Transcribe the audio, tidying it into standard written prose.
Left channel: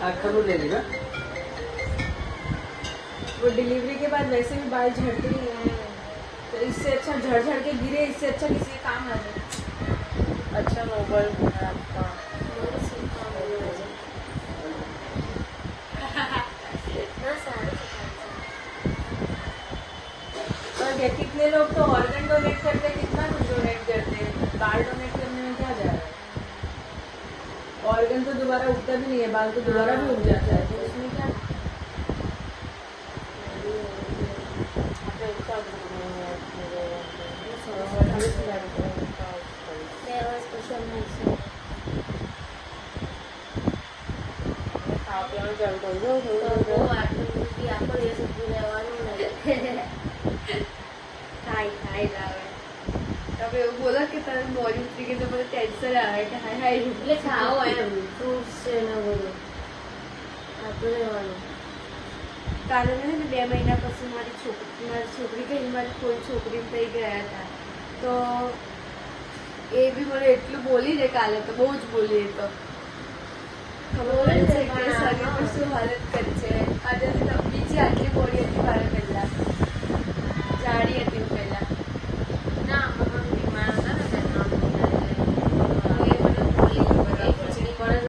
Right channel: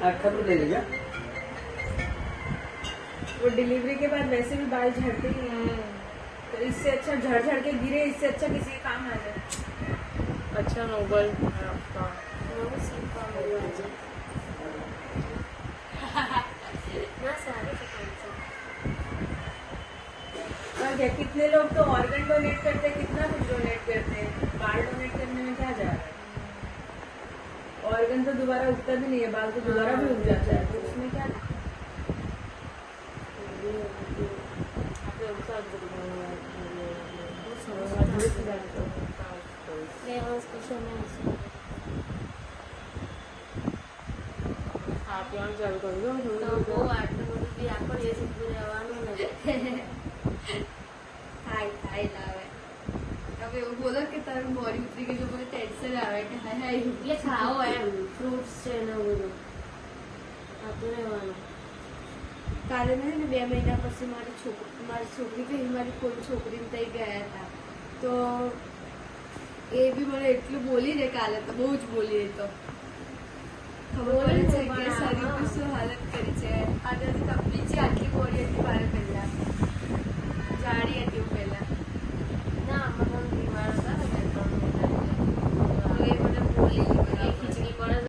खबर ले लेगा। वो डिलीवरी के बाद वैसे भी बाल झड़ते ही नहीं है, तो इससे अच्छा झड़ झड़ के गिरे, इससे अच्छा किसी के काम आ जाए। अच्छा नोबल है आपका। और कितने लोग तो ऑर्गन डोनेट करते, कितना कुछ डोनेट करते हैं, बाल डोनेट करने में क्या जा रहा है। ऑर्गन तो दोबारा उगता भी नहीं है, बाल तो दोबारा भी उग जाता है, तो इसमें क्या। હવે એવું બોલો કે તારે બોડી ઉતરી ગઈ તો બધું ટેન્શન આવે કે હાય હાય એટલે ખાઓ એમ ફ્રૂટ્સ છે ને બધું ખાતું રહેવાનું. કાલે ને 2 મહિના પછી મારી છોકરી ગઈ, મારી કોઈ છોકરી થઈ ગયા હતા, તો એ બી મને એટલું બોલી ને કાલે, તો બહુ જ બોલી. એ તો ખબર પડે છે કે શરીર પર શું હાલત કરી છે. આજે બીજી આટલી